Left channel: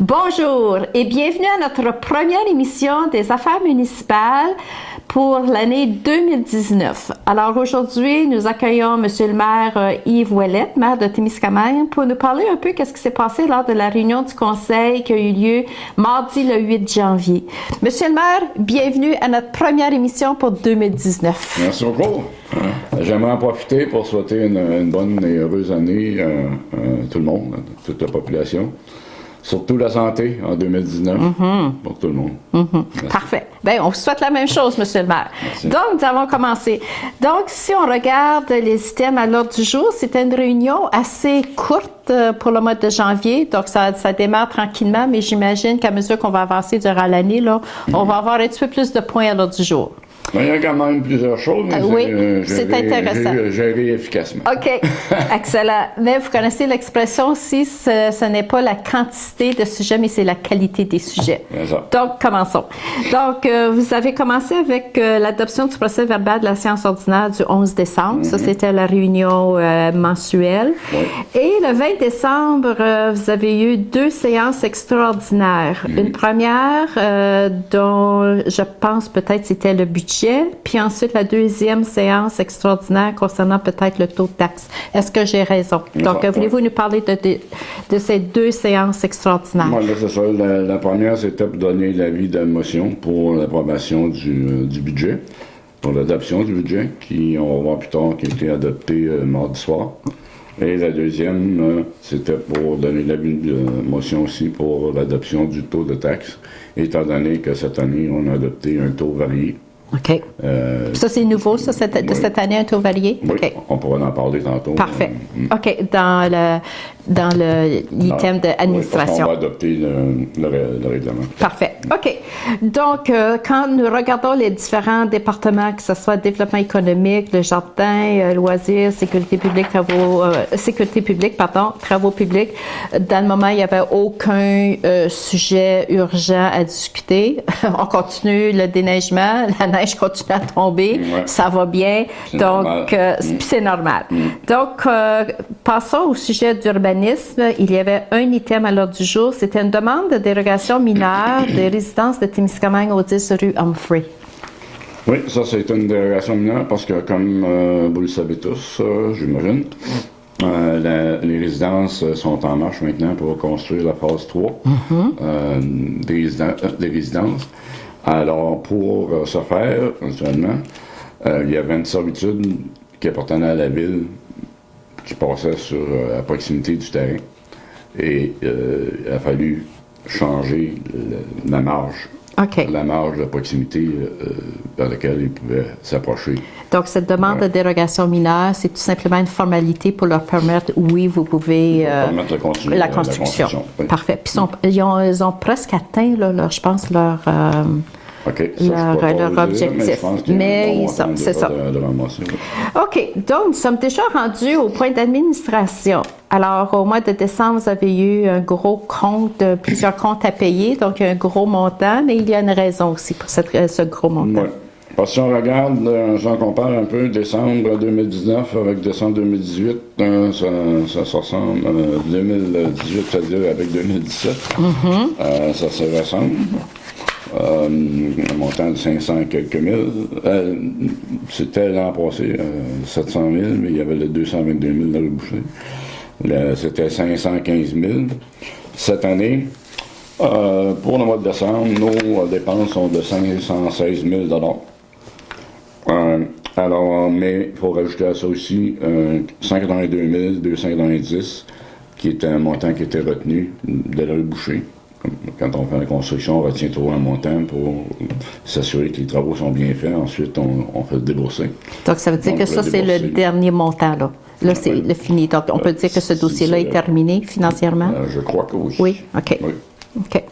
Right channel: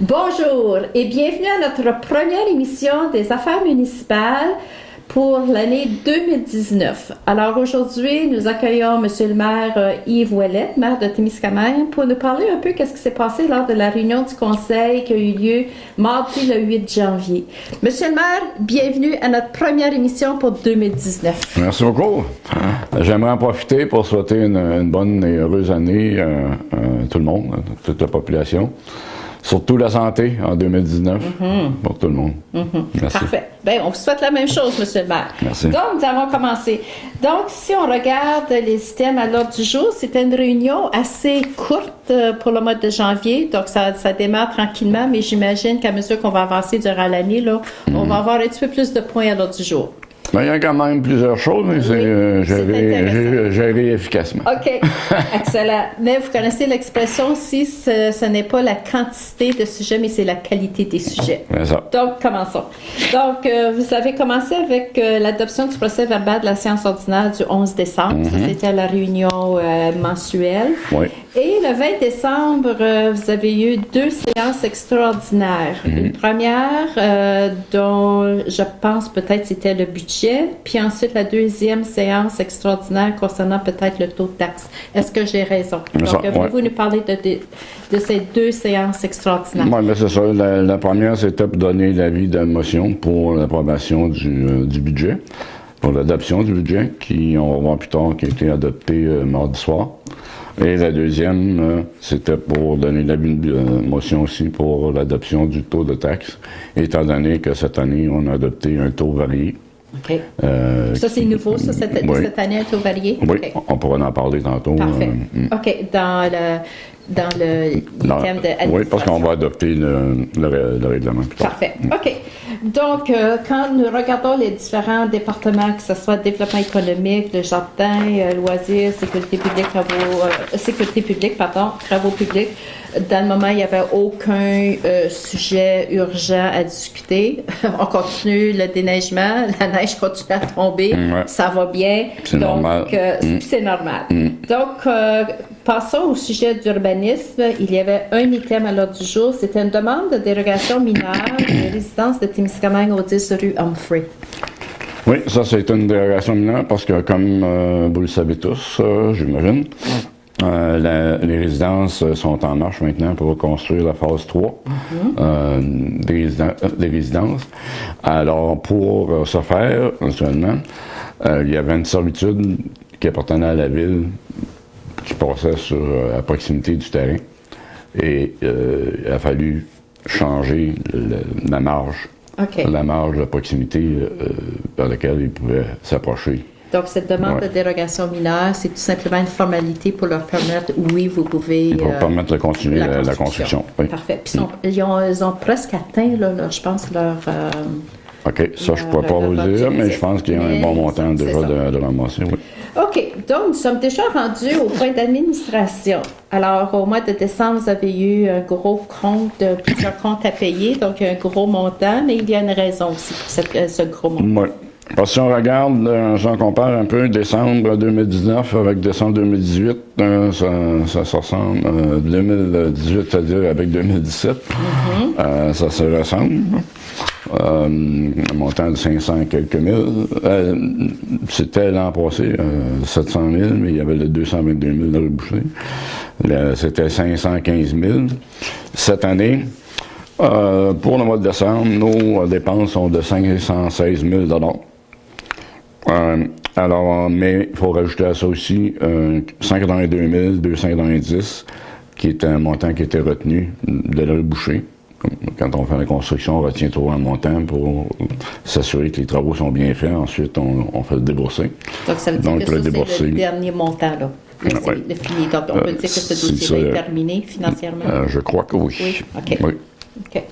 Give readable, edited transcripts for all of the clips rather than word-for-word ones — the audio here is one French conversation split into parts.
Bonjour et bienvenue à notre première émission des affaires municipales pour l'année 2019. Alors aujourd'hui, nous accueillons Monsieur le maire Yves Ouellette, maire de Témiscamingue, pour nous parler un peu qu'est-ce qui s'est passé lors de la réunion du conseil qui a eu lieu mardi le 8 janvier. Monsieur le maire, bienvenue à notre première émission pour 2019. Merci beaucoup. J'aimerais en profiter pour souhaiter une bonne et heureuse année à tout le monde, à toute la population. Surtout la santé en 2019 pour tout le monde. Parfait. Bien, on vous souhaite la même chose, Monsieur le maire. Merci. Donc, nous allons commencer. Donc, si on regarde les items à l'ordre du jour, c'était une réunion assez courte pour le mois de janvier. Donc, ça démarre tranquillement, mais j'imagine qu'à mesure qu'on va avancer durant l'année, là, on va avoir un petit peu plus de points à l'ordre du jour. Ben, il y a quand même plusieurs choses, mais Oui, c'est intéressant. Géré efficacement. OK, excellent. Mais vous connaissez l'expression aussi, ce n'est pas la quantité de sujets, mais c'est la qualité des sujets. C'est ça. Donc, commençons. Donc, vous avez commencé avec l'adoption du procès verbal de la séance ordinaire du 11 décembre. Ça, c'était la réunion mensuelle. Oui. Et le 20 décembre, vous avez eu 2 séances extraordinaires. Une première dont je pense peut-être c'était le budget, puis ensuite la deuxième séance extraordinaire concernant peut-être le taux de taxe. Est-ce que j'ai raison? Donc, voulez-vous nous parler de ces 2 séances extraordinaires? Oui, là, c'est ça. La première, c'était pour donner l'avis de motion pour l'approbation du budget, pour l'adoption du budget, qui, on va voir plus tard, qui a été adopté mardi soir. Et la deuxième, c'était pour donner l'avis de motion aussi pour l'adoption du taux de taxe, étant donné que cette année, on a adopté un taux varié. OK. Ça, c'est nouveau, ça, de cette année, un taux varié? Oui, OK. on pourra en parler tantôt. Parfait. OK. Dans l'item d'administration. Oui, parce qu'on va adopter le règlement. Parfait. OK. Donc, quand nous regardons les différents départements, que ce soit développement économique, le jardin, loisirs, sécurité publique, travaux publics, dans le moment, il n'y avait aucun sujet urgent à discuter. On continue le déneigement, la neige continue à tomber, ça va bien. Donc, c'est normal. Donc, passons au sujet d'urbanisme. Il y avait un item à l'ordre du jour. C'était une demande de dérogation mineure des résidences de Témiscamingue au 10 rue Humphrey. Oui, ça, c'est une dérogation mineure parce que, comme vous le savez tous, j'imagine, les résidences sont en marche maintenant pour construire la phase 3 des résidences. Alors, pour ce faire, actuellement, il y avait une servitude qui appartenait à la ville qui passait à proximité du terrain. Et il a fallu changer la marge. OK. La marge de proximité par laquelle ils pouvaient s'approcher. Donc, cette demande de dérogation mineure, c'est tout simplement une formalité pour leur permettre, oui, vous pouvez... Pour permettre de continuer la construction. Oui. Parfait. Puis, ils ont presque atteint, je pense, leur... OK, ça, je ne pourrais pas vous dire, mais je pense qu'il y a un bon montant de ramasser. Oui. OK, donc nous sommes déjà rendus au point d'administration. Alors, au mois de décembre, vous avez eu un gros compte, plusieurs comptes à payer, donc un gros montant, mais il y a une raison aussi pour ce gros montant. Oui. Parce que si on regarde, si on compare un peu décembre 2019 avec décembre 2018, ça se ressemble. 2018, c'est-à-dire avec 2017, ça se ressemble. Un montant de 500 quelques mille. C'était l'an passé, 700 000, mais il y avait le 222 000 de rebouché. C'était 515 000. Cette année, pour le mois de décembre, nos dépenses sont de 516 000 alors, mais il faut rajouter à ça aussi 182 290, qui est un montant qui était retenu de le boucher. Quand on fait la construction, on retient toujours un montant pour s'assurer que les travaux sont bien faits. Ensuite, on fait le débourser. Donc, ça veut dire que ça, c'est le dernier montant, là. Là, c'est le fini. Donc, on peut dire que ce dossier-là est terminé financièrement? Je crois que oui. Oui? OK. Oui. OK.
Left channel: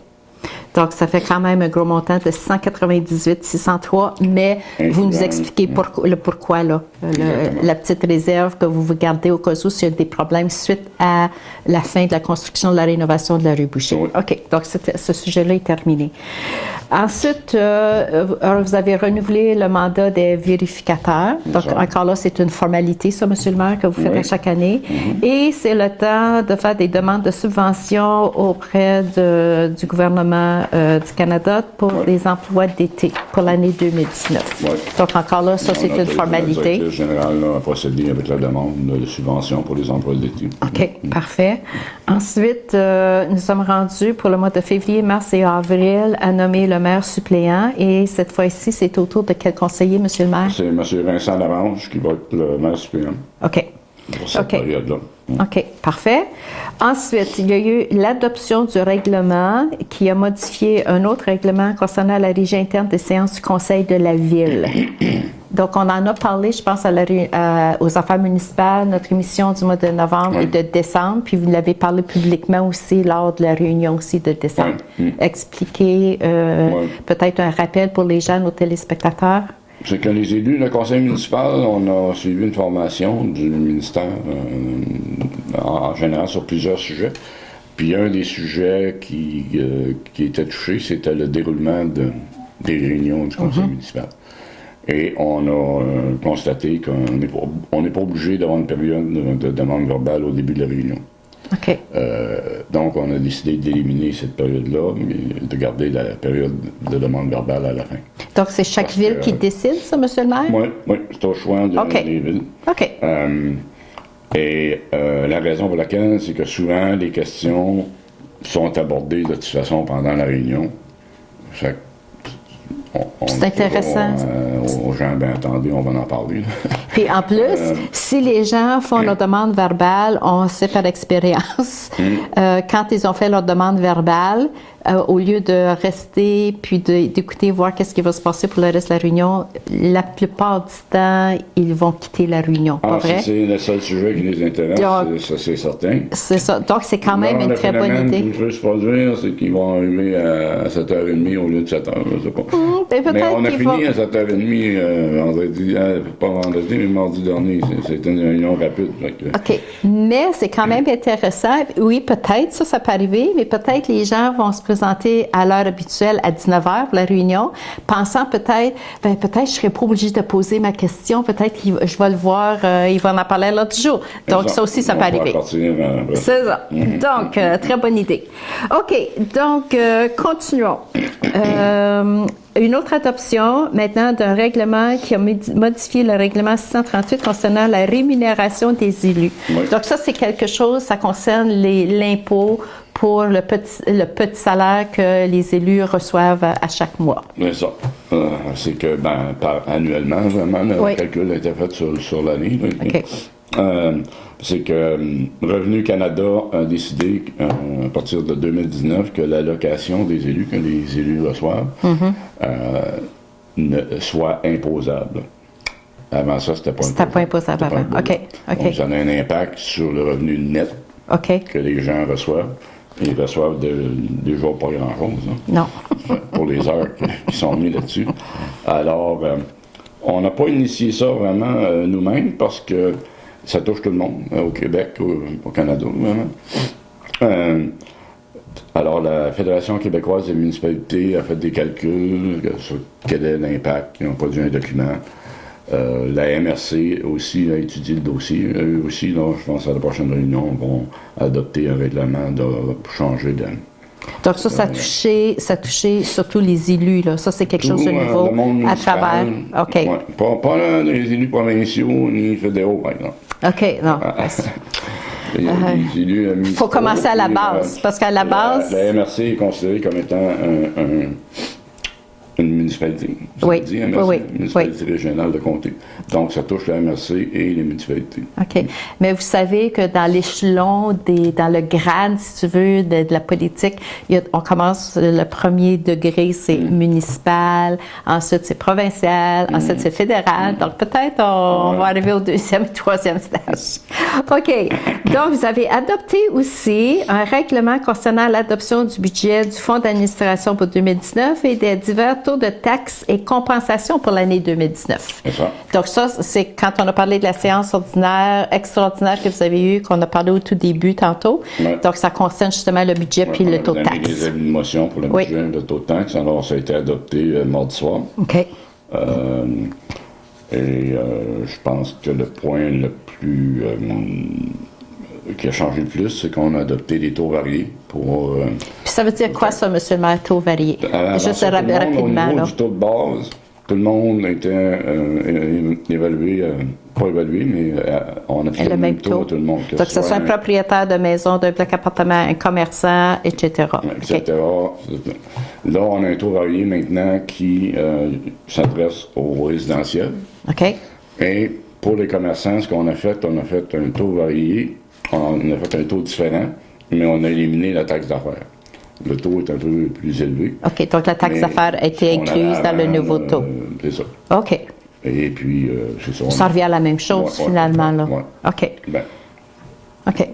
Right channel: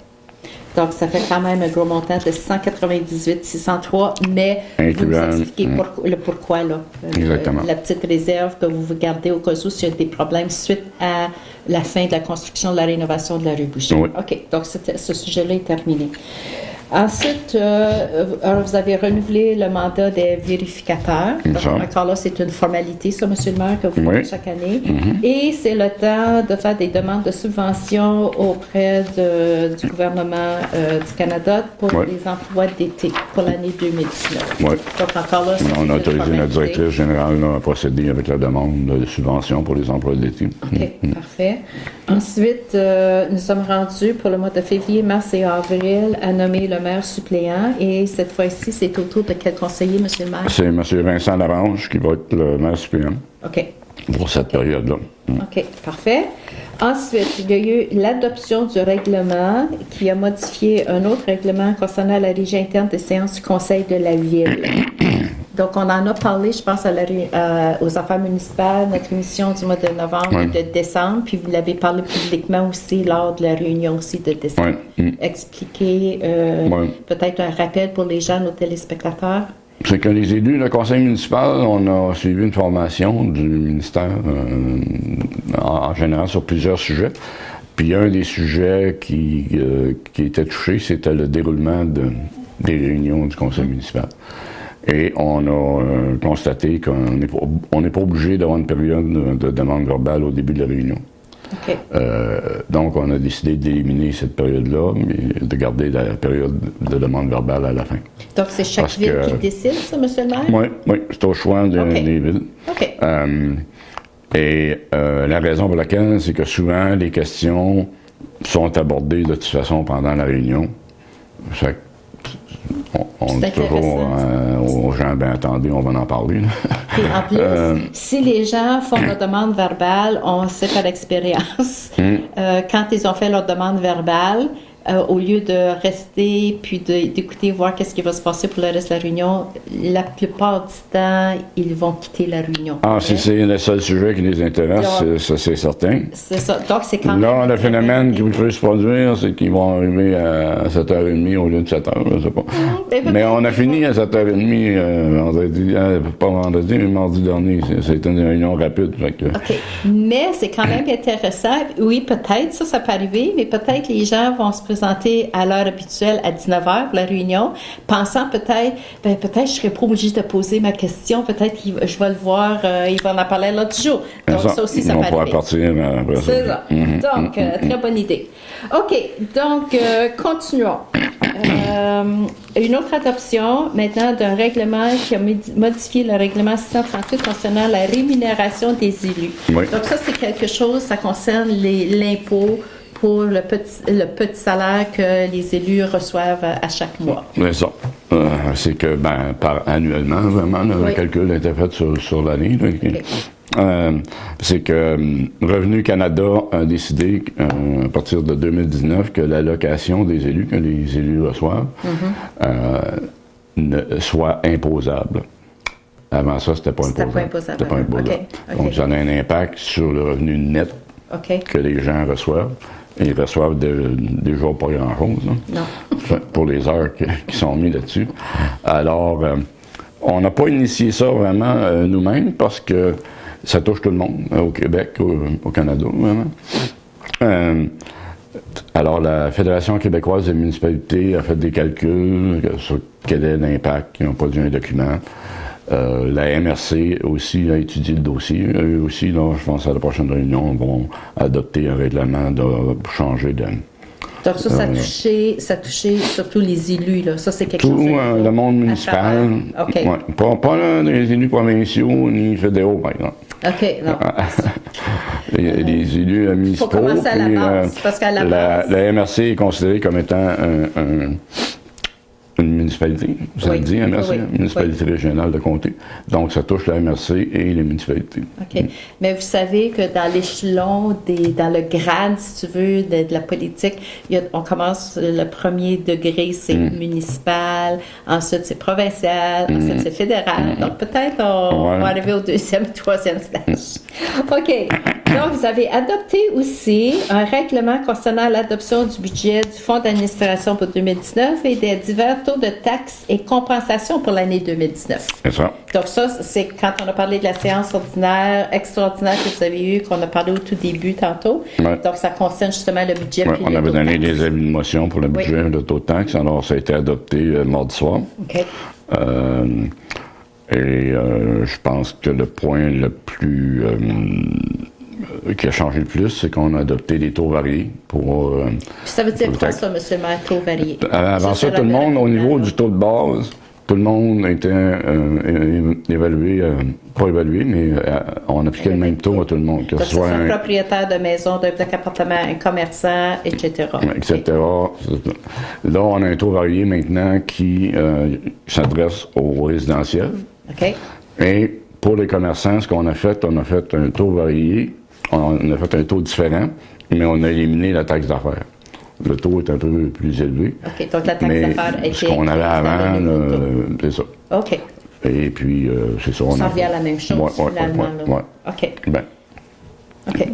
Donc, ça fait quand même un gros montant de 198 603, mais vous nous expliquez le pourquoi, là. La petite réserve que vous gardez au cas où s'il y a des problèmes suite à la fin de la construction de la rénovation de la rue Boucher. Oui. OK. Donc, ce sujet-là est terminé. Ensuite, vous avez renouvelé le mandat des vérificateurs. Donc, encore là, c'est une formalité, ça, M. le maire, que vous faites chaque année. Et c'est le temps de faire des demandes de subventions auprès du gouvernement du Canada pour des emplois d'été pour l'année 2019. Donc, encore là, ça, c'est une formalité. Le directeur général a procédé avec la demande de subvention pour les emplois d'été. OK, parfait. Ensuite, nous sommes rendus pour le mois de février, mars et avril à nommer le maire suppléant. Et cette fois-ci, c'est au tour de quel conseiller, M. le maire? C'est M. Vincent Larange qui va être le maire suppléant. OK. Pour cette période-là. OK, parfait. Ensuite, il y a eu l'adoption du règlement qui a modifié un autre règlement concernant la régie interne des séances du Conseil de la Ville. Donc, on en a parlé, je pense, aux affaires municipales, notre émission du mois de novembre et de décembre, puis vous l'avez parlé publiquement aussi lors de la réunion aussi de décembre. Expliquez peut-être un rappel pour les gens, nos téléspectateurs. C'est que les élus, le conseil municipal, on a suivi une formation du ministère en général sur plusieurs sujets. Puis un des sujets qui était touché, c'était le déroulement des réunions du conseil municipal. Et on a constaté qu'on n'est pas obligé d'avoir une période de demande verbale au début de la réunion. OK. Donc, on a décidé d'éliminer cette période-là, mais de garder la période de demande verbale à la fin. Donc, c'est chaque ville qui décide, ça, M. le maire? Oui, c'est au choix des villes. OK. Et la raison pour laquelle, c'est que souvent, les questions sont abordées de toute façon pendant la réunion. C'est intéressant. Aux gens, ben attendez, on va en parler. Et en plus, si les gens font leur demande verbale, on sait par expérience, quand ils ont fait leur demande verbale, au lieu de rester puis d'écouter, voir qu'est-ce qui va se passer pour le reste de la réunion, la plupart du temps, ils vont quitter la réunion. Si c'est le seul sujet qui les intéresse, ça c'est certain. C'est ça. Donc, c'est quand même une très bonne idée. Le phénomène qui peut se produire, c'est qu'ils vont arriver à 7h30 au lieu de 7h, je ne sais pas. Mais on a fini à 7h30 vendredi, pas vendredi, mais mardi dernier. C'était une réunion rapide. OK. Mais c'est quand même intéressant. Oui, peut-être, ça peut arriver, mais peut-être les gens vont se présenter à l'heure habituelle à 19h pour la réunion, pensant peut-être je ne serais pas obligée de poser ma question, peut-être je vais le voir, il va en parler l'autre jour. Donc ça aussi, ça peut arriver. C'est ça. Donc, très bonne idée. OK, donc continuons. Une autre adoption maintenant d'un règlement qui a modifié le règlement 638 concernant la rémunération des élus. Oui. Donc ça, c'est quelque chose, ça concerne l'impôt pour le petit salaire que les élus reçoivent à chaque mois. C'est ça. C'est que, annuellement, vraiment, le calcul a été fait sur l'année. Okay. C'est que Revenu Canada a décidé, à partir de 2019, que l'allocation des élus, que les élus reçoivent, soit imposable. Avant ça, c'était pas imposable. C'était pas imposable avant. OK. Donc, ça a un impact sur le revenu net que les gens reçoivent. Et ils reçoivent déjà pas grand-chose. Non. Pour les heures qui sont mises là-dessus. Alors, on n'a pas initié ça vraiment nous-mêmes parce que ça touche tout le monde, au Québec, au Canada. Alors, la Fédération québécoise des municipalités a fait des calculs sur quel est l'impact. Ils ont produit un document. La MRC aussi a étudié le dossier. Eux aussi, là, je pense à la prochaine réunion, vont adopter un règlement pour changer de... Donc ça touchait surtout les élus, là. Ça, c'est quelque chose de nouveau le monde municipal, à travers. OK. Pas les élus provinciaux ni fédéraux, par exemple. OK, non. Les élus municipaux. Il faut commencer à la base, parce qu'à la base... La MRC est considérée comme étant une municipalité, ça le dit, MRC, municipalité régionale de comté. Donc, ça touche la MRC et les municipalités. OK. Mais vous savez que dans l'échelon, dans le grade, si tu veux, de la politique, on commence le premier degré, c'est municipal, ensuite c'est provincial, ensuite c'est fédéral. Donc, peut-être on va arriver au deuxième, troisième stage. OK. Donc, vous avez adopté aussi un règlement concernant l'adoption du budget du Fonds d'administration pour 2019 et des divers taux de taxes et compensations pour l'année 2019. C'est ça. Donc, ça, c'est quand on a parlé de la séance ordinaire, extraordinaire que vous avez eue, qu'on a parlé au tout début tantôt. Ouais. Donc, ça concerne justement le budget puis le taux de On avait donné taxes. des avis de motion pour le budget, le taux de taxes. Alors, ça a été adopté mardi soir. OK. Je pense que le point le plus qui a changé le plus, c'est qu'on a adopté des taux variés pour... Puis ça veut dire quoi, ça, M. le maire, taux varié? Avant ça, tout le monde, au niveau là. du taux de base, tout le monde était évalué, pas évalué, mais on appliquait le même taux à tout le monde. Donc, que ce soit un propriétaire de maison, d'un bloc appartement, un commerçant, etc. Etc. Okay. Là, on a un taux varié maintenant qui s'adresse aux résidentiels. OK. Et pour les commerçants, ce qu'on a fait un taux varié, on a fait un taux différent, mais on a éliminé la taxe d'affaires. Le taux est un peu plus élevé. OK, donc la taxe d'affaires a été incluse dans le nouveau taux. C'est ça. OK. Et puis, c'est ça. Ça revient à la même chose, finalement. Là. OK. Ben, OK.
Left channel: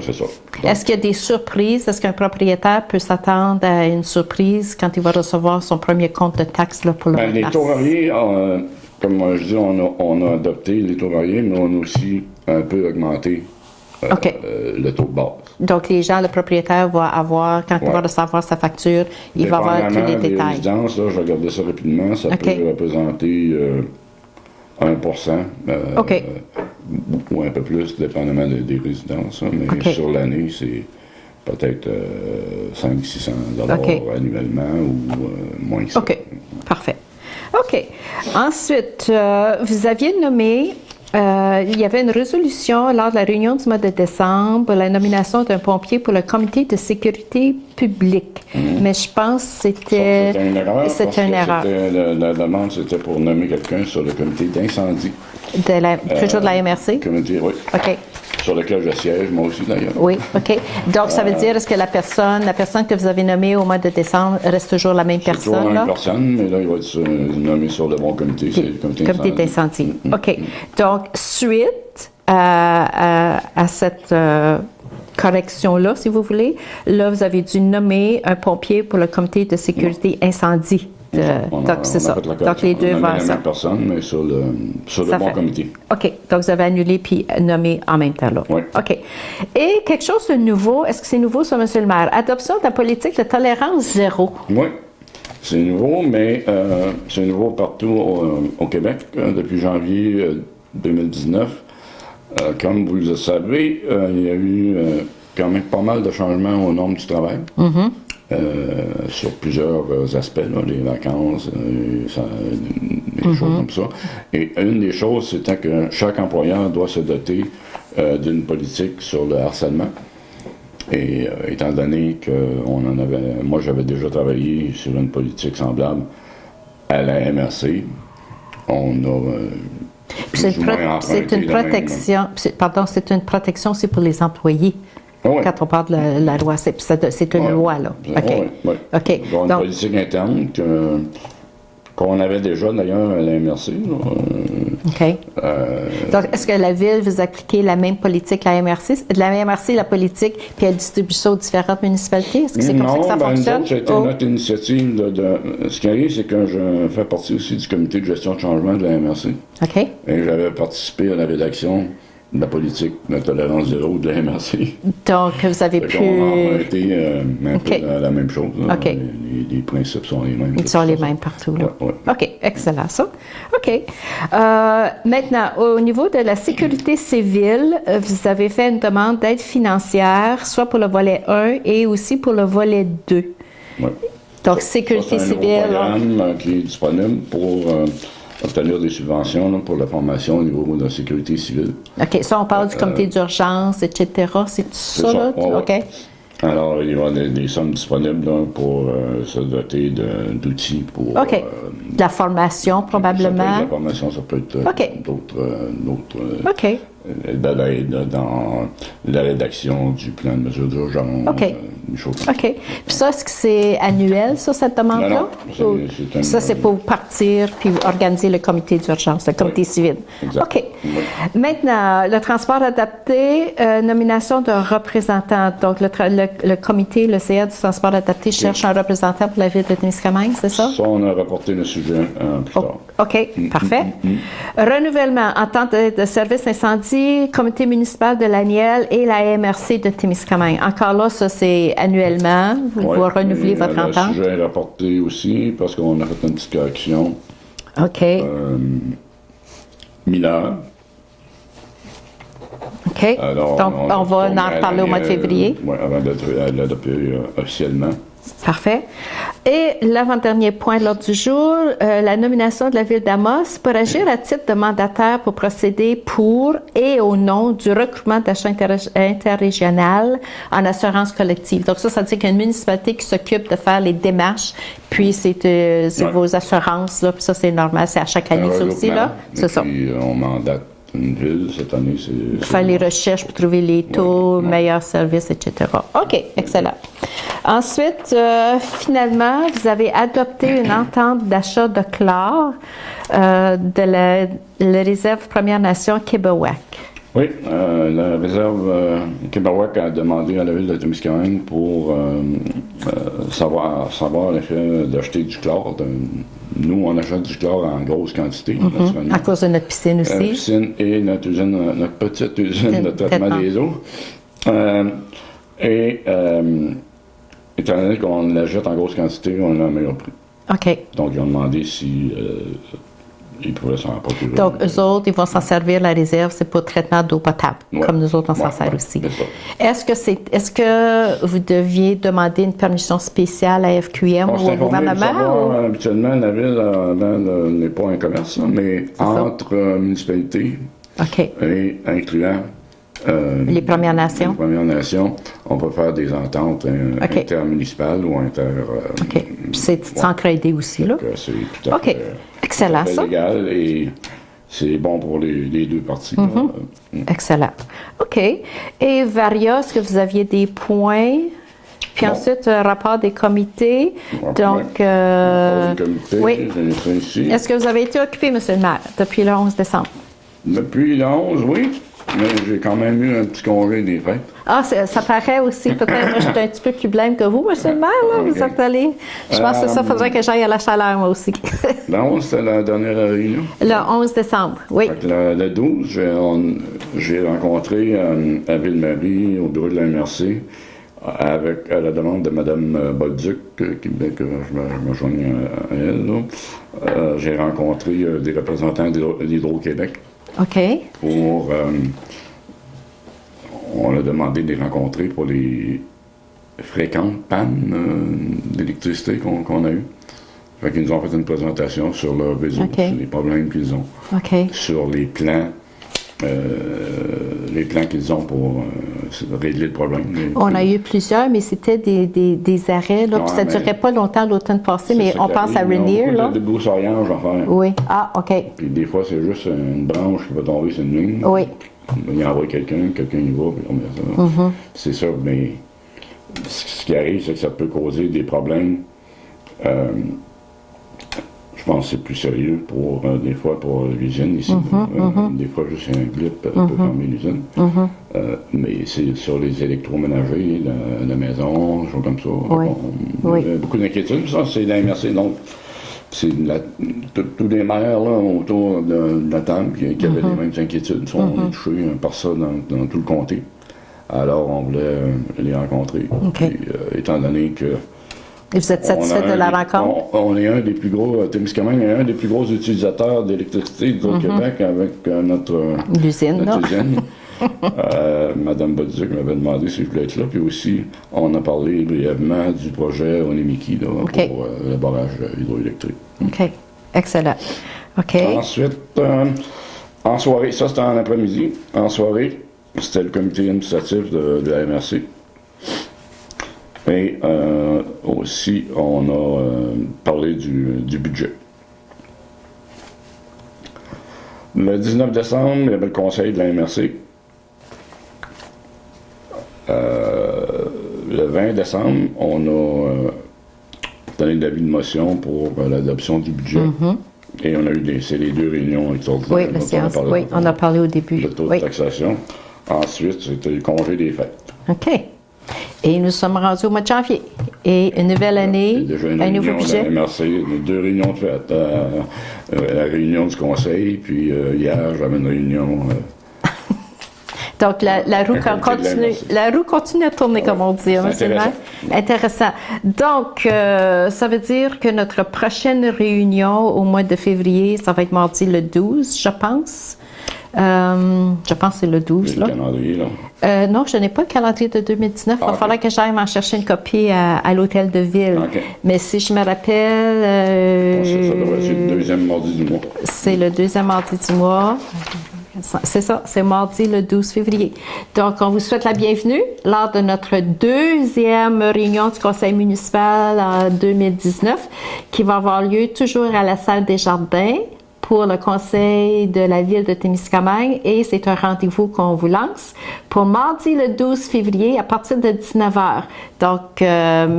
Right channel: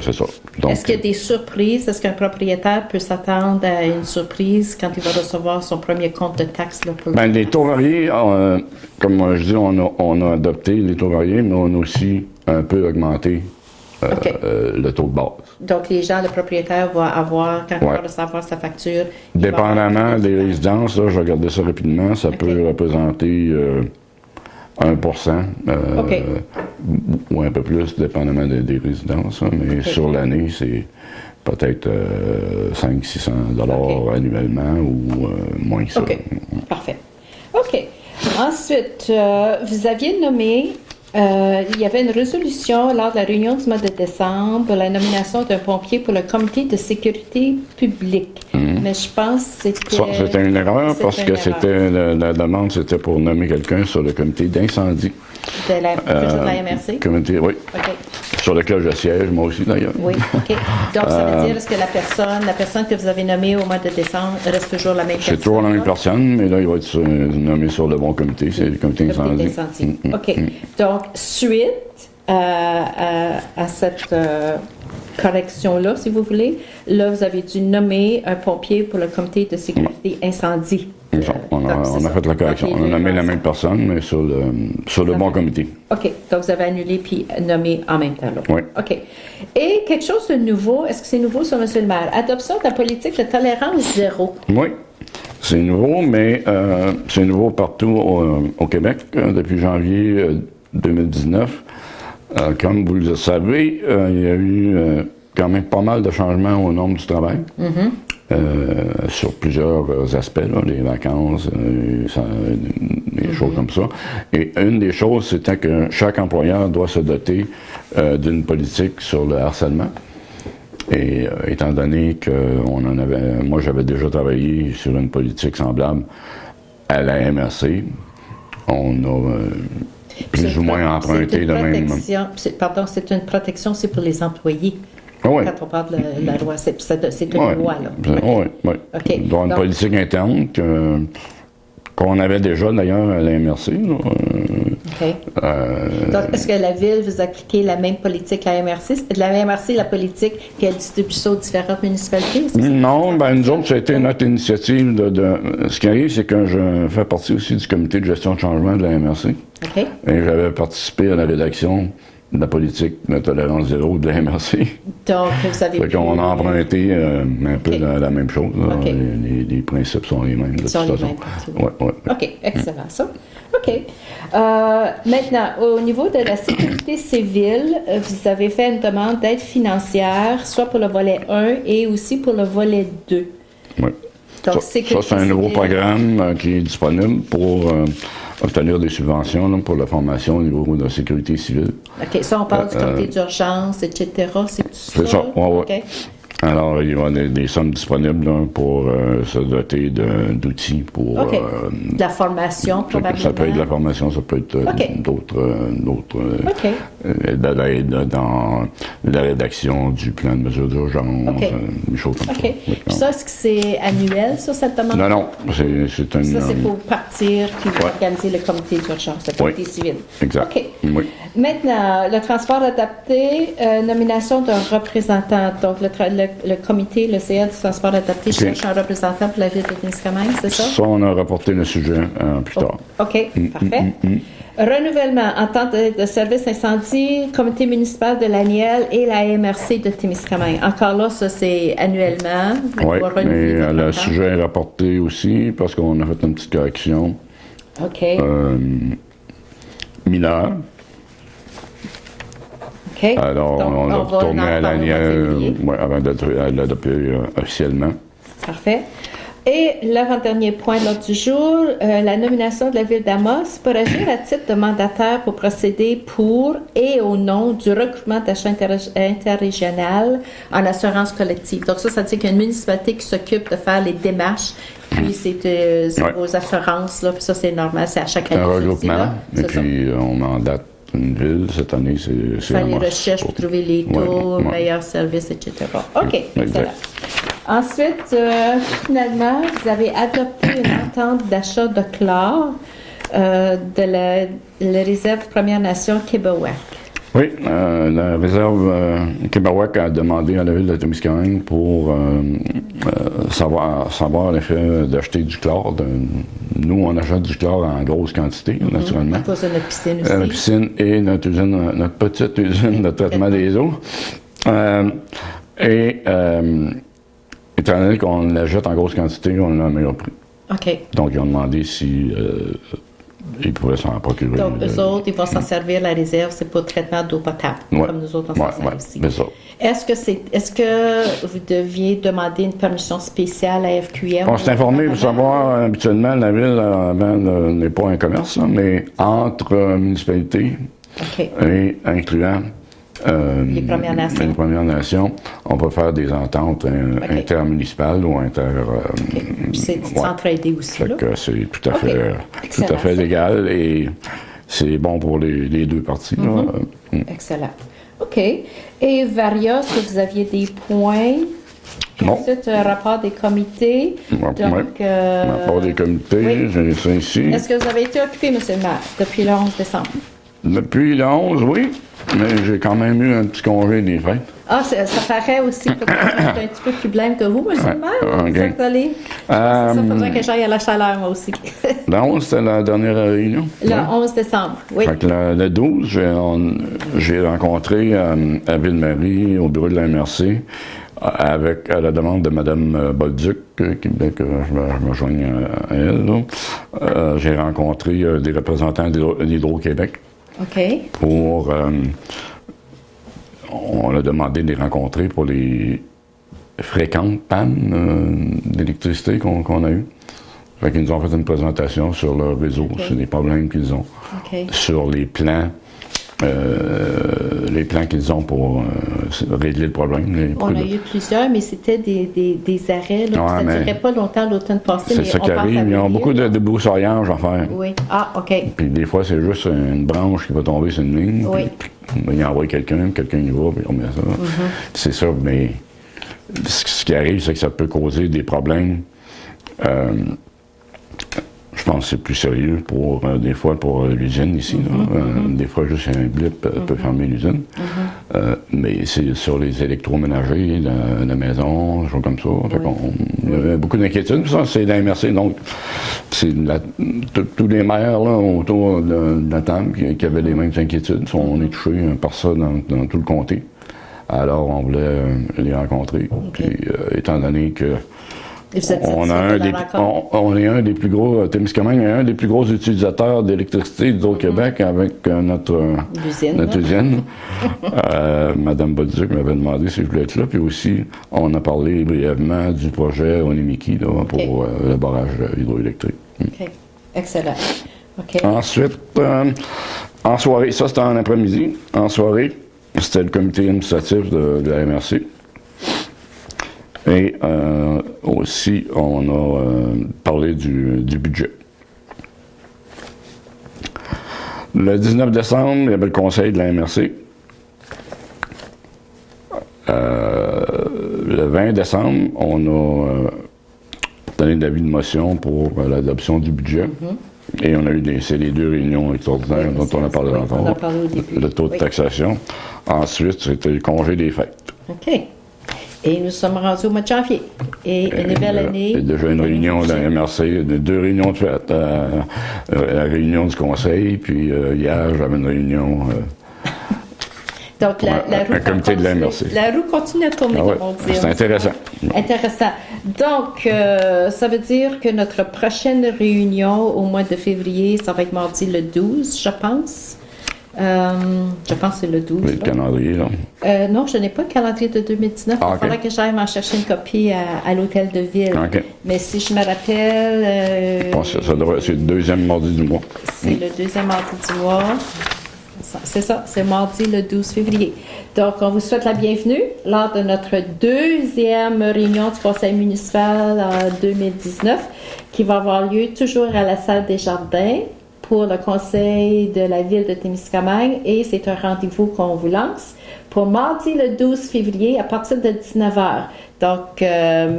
C'est ça. Est-ce qu'il y a des surprises? Est-ce qu'un propriétaire peut s'attendre à une surprise quand il va recevoir son premier compte de taxe là, pour le les taux variés, comme je dis, on a adopté les taux variés, mais on a aussi un peu augmenté le taux de base. Donc, les gens, le propriétaire va avoir, quand il va recevoir sa facture, il va avoir tous les détails. Dépendamment des résidences, là, je regardais ça rapidement, ça peut représenter 1%, ou un peu plus, dépendamment des résidences. Hein, mais sur l'année, c'est peut-être 500-600 $ annuellement ou moins que ça. OK, parfait. OK. Ensuite, vous aviez nommé... il y avait une résolution lors de la réunion du mois de décembre pour la nomination d'un pompier pour le comité de sécurité publique. Mais je pense que c'était... C'était une erreur parce que la demande, c'était pour nommer quelqu'un sur le comité d'incendie. Toujours de la MRC? Comité, oui. OK. Sur lequel je siège, moi aussi, d'ailleurs. Oui, OK. Donc, ça veut dire, est-ce que la personne que vous avez nommée au mois de décembre reste toujours la même personne? C'est toujours la même personne, mais là, il va être nommé sur le bon comité. C'est le comité d'incendie. OK. Donc, suite à cette correction-là, si vous voulez, là, vous avez dû nommer un pompier pour le comité de sécurité incendie. On a fait la correction. On a nommé la même personne, mais sur le bon comité. OK. Donc, vous avez annulé puis nommé en même temps là. Oui. OK. Et quelque chose de nouveau, est-ce que c'est nouveau sur M. le maire? Adoption de la politique de tolérance zéro. Oui. C'est nouveau, mais c'est nouveau partout au Québec depuis janvier 2019. Comme vous le savez, il y a eu quand même pas mal de changements aux normes du travail. Sur plusieurs aspects, là, les vacances, des choses comme ça. Et une des choses, c'était que chaque employeur doit se doter d'une politique sur le harcèlement. Et étant donné que moi j'avais déjà travaillé sur une politique semblable à la MRC, on a plus ou moins emprunté le même... c'est une protection, c'est pour les employés. Oui. Quand on parle de la loi, c'est une loi, là. Oui. OK. Donc, une politique interne qu'on avait déjà, d'ailleurs, à la MRC. OK. Donc, est-ce que la Ville vous appliquez la même politique à la MRC? De la MRC, la politique, puis elle distribue ça aux différentes municipalités? Est-ce que c'est comme ça que ça fonctionne? Nous autres, c'était notre initiative Ce qui arrive, c'est que je fais partie aussi du comité de gestion de changement de la MRC. OK. Et j'avais participé à la rédaction de la politique de tolérance zéro de la MRC. Donc, vous avez pu... On a emprunté un peu la même chose. Les principes sont les mêmes. Ils sont les mêmes partout. Ouais. OK, excellent ça. OK. Maintenant, au niveau de la sécurité civile, vous avez fait une demande d'aide financière, soit pour le volet 1 et aussi pour le volet 2. Oui. Donc, sécurité civile... c'est un nouveau programme qui est disponible pour... obtenir des subventions là, pour la formation au niveau de la sécurité civile. OK. Ça, on parle du comité d'urgence, etc. C'est tout ça? Ça. Là? OK. Alors, il y aura des sommes disponibles là, pour se doter d'outils pour... OK. De la formation, probablement. Ça peut être de la formation, ça peut être d'autres de l'aide dans la rédaction du plan de mesures d'urgence, des choses comme ça. OK. Puis ça, est-ce que c'est annuel, ça, cette demande-là? Non, c'est annuel. Ça, c'est pour partir puis organiser le comité d'urgence, le comité civil. Exact. OK. Oui. Maintenant, le transport adapté, nomination d'un représentant. Donc, le comité, le CA du transport adapté cherche un représentant pour la ville de Témiscamingue, c'est ça? Ça, on a rapporté le sujet plus tard. OK, parfait. Renouvellement en tant de service incendie, comité municipal de l'Aniel et la MRC de Témiscamingue. Encore là, ça, c'est annuellement pour renouveler votre entente. Le sujet est rapporté aussi parce qu'on a fait une petite correction. OK. 1000 heures. OK. Alors, donc, on va en parler au mois de février. Oui, avant de l'adopter officiellement. Parfait. Et l'avant-dernier point de l'ordre du jour, la nomination de la ville d'Amos pour agir à titre de mandataire pour procéder pour et au nom du regroupement d'achat interrégional en assurance collective. Donc ça veut dire qu'il y a une municipalité qui s'occupe de faire les démarches, puis c'est vos assurances, là, puis ça c'est normal, c'est à chaque année ça aussi, là. C'est ça. Puis on mandate une ville, cette année, c'est faire les recherches pour trouver les taux, meilleurs services, etc. OK, excellent. Ensuite, finalement, vous avez adopté une entente d'achat de chlore de la réserve Première Nation Kébawak. Oui, la réserve Kébawak a demandé à la ville de Témiscamingue pour savoir l'effet d'acheter du chlore. Nous, on achète du chlore en grosse quantité, naturellement. À cause de notre piscine aussi. La piscine et notre petite usine de traitement des eaux. Étant donné qu'on l'achète en grosse quantité, on a un meilleur prix. OK. Donc, ils ont demandé si ils pouvaient s'en procurer. Donc, eux autres, ils vont s'en servir, la réserve, c'est pour le traitement d'eau potable, comme nous autres, on s'en sert aussi. Est-ce que vous deviez demander une permission spéciale à FQM on s'est informé de savoir, habituellement, la ville n'est pas un commerce, mais entre municipalités et incluant les Premières Nations. Les Premières Nations, on peut faire des ententes intermunicipales ou c'est s'entraider aussi, là. C'est tout à fait légal et c'est bon pour les deux parties. Excellent. OK. Et Varia, est-ce que vous aviez des points? Puis ensuite, un rapport des comités. Donc, rapport des comités, j'ai ça ici. Est-ce que vous avez été occupé, M. le maire, depuis le 11 décembre? Depuis le 11, oui. Mais j'ai quand même eu un petit congé des fêtes. Ah, ça paraît aussi. Peut-être moi, je suis un petit peu plus blême que vous, M. le maire. Vous êtes allé. Je pense que ça faudrait que j'aille à la chaleur, moi aussi. Le 11, c'était la dernière réunion? Le 11 décembre, oui. Fait que le 12, j'ai rencontré à Ville-Marie, au bureau de la MRC, avec la demande de Mme Bolduc, qui voulait que je me joigne à elle. J'ai rencontré des représentants d'Hydro-Québec. OK. On a demandé de les rencontrer pour les fréquentes pannes d'électricité qu'on a eues. Fait qu'ils nous ont fait une présentation sur leur réseau, sur les problèmes qu'ils ont, sur les plans qu'ils ont pour régler le problème. On a eu plusieurs, mais c'était des arrêts. Là, ça ne durait pas longtemps l'automne passé, mais on pense à Rainier. Ils ont beaucoup de débroussaillage à faire. Oui. Ah, OK. Puis des fois, c'est juste une branche qui va tomber sur une ligne. Oui. Puis, il envoie quelqu'un y va, puis on met ça. C'est ça, mais ce qui arrive, c'est que ça peut causer des problèmes. Je pense que c'est plus sérieux des fois pour l'usine ici. Des fois, juste un blip peut fermer l'usine. Mais c'est sur les électroménagers de la maison, des choses comme ça. On a beaucoup d'inquiétudes. Ça, c'est la MRC. Donc, c'est tous les maires là, autour de la table qui avaient les mêmes inquiétudes. On est touchés par ça dans tout le comté. Alors, on voulait les rencontrer. Puis, étant donné que et vous êtes satisfait de la rencontre? On est un des plus gros, Témiscamingue est un des plus gros utilisateurs d'électricité d'Hydro-Québec avec notre usine. Mme Bolduc m'avait demandé si je voulais être là. Puis aussi, on a parlé brièvement du projet Onimiki pour le barrage hydroélectrique. OK. Excellent. OK. Ensuite, en soirée, ça c'était en après-midi. En soirée, c'était le comité administratif de la MRC. Et aussi, on a parlé du budget. Le 19 décembre, il y avait le conseil de la MRC. Le 20 décembre, on a donné l'avis de motion pour l'adoption du budget. Et on a eu c'est les 2 réunions extraordinaires dont on a parlé. Oui, on a parlé au début. Le taux de taxation. Ensuite, c'était le congé des fêtes. OK. Et nous sommes rendus au mois de janvier. Et une nouvelle année. Il y a déjà une réunion de la MRC, 2 réunions de fête. La réunion du conseil, puis hier, j'avais une réunion. Donc, la roue continue à tourner, comme on dit. C'est intéressant. Intéressant. Donc, ça veut dire que notre prochaine réunion au mois de février, ça va être mardi le 12, je pense. Je pense que c'est le 12. Le calendrier, là. Non, je n'ai pas le calendrier de 2019. Il va falloir que j'aille en chercher une copie à l'hôtel de ville. Mais si je me rappelle... Je pense que ça devrait être le 2e mardi du mois. C'est le 2e mardi du mois. C'est ça, c'est mardi le 12 février. Donc, on vous souhaite la bienvenue lors de notre 2e réunion du conseil municipal en 2019 qui va avoir lieu toujours à la salle des Jardins pour le conseil de la ville de Témiscamingue et c'est un rendez-vous qu'on vous lance pour mardi le 12 février à partir de 19h. Donc,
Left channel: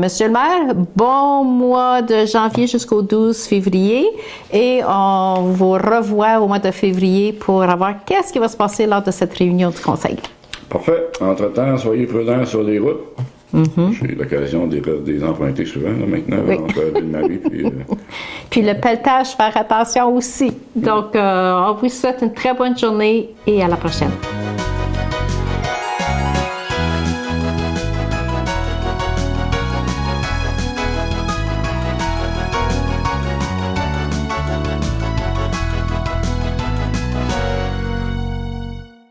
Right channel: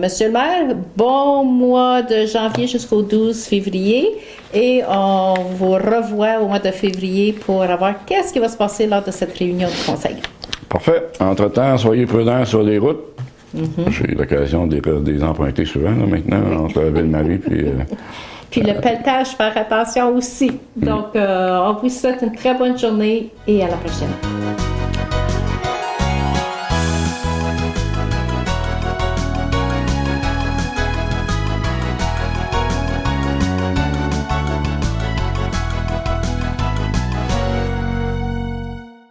Monsieur le maire, bon mois de janvier jusqu'au 12 février et on vous revoit au mois de février pour voir qu'est-ce qui va se passer lors de cette réunion du conseil. Parfait. Entre-temps, soyez prudents sur les routes. J'ai eu l'occasion de les emprunter souvent, là, maintenant, entre Ville-Marie puis... Puis le pelletage, faire attention aussi. Donc, on vous souhaite une très bonne journée et à la prochaine.